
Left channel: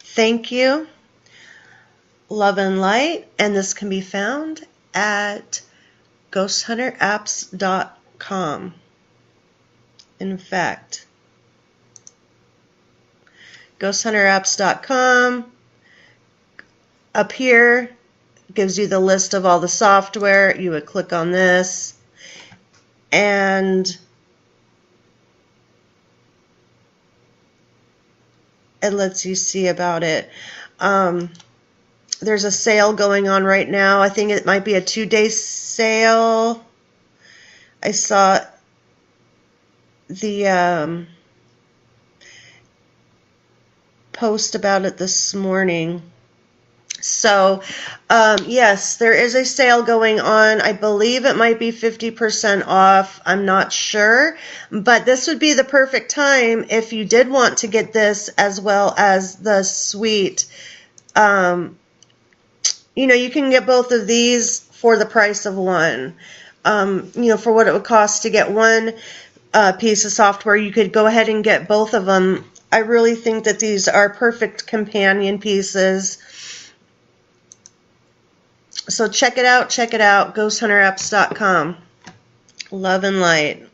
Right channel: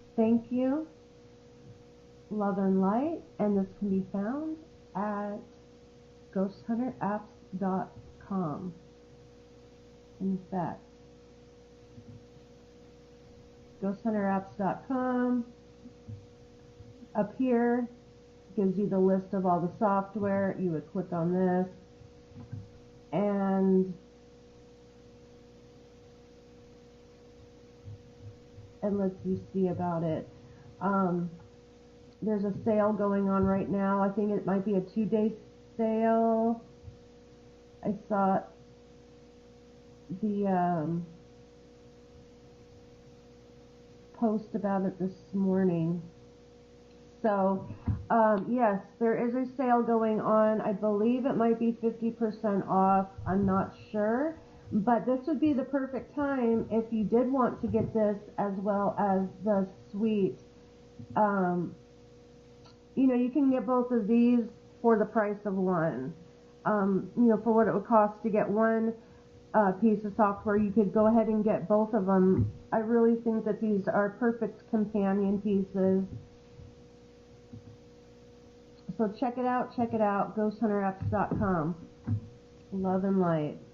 Thank you. Love and light. And this can be found at GhostHunterApps.com. In fact, GhostHunterApps.com. Up here gives you the list of all the software. You would click on this, and it lets you see about it. There's a sale going on right now. I think it might be a 2-day sale. I saw the post about it this morning. So, yes, there is a sale going on. I believe it might be 50% off. I'm not sure. But this would be the perfect time if you did want to get this as well as the suite. You can get both of these for the price of one. For what it would cost to get one piece of software, you could go ahead and get both of them. I really think that these are perfect companion pieces. So check it out, GhostHunterApps.com. Love and light.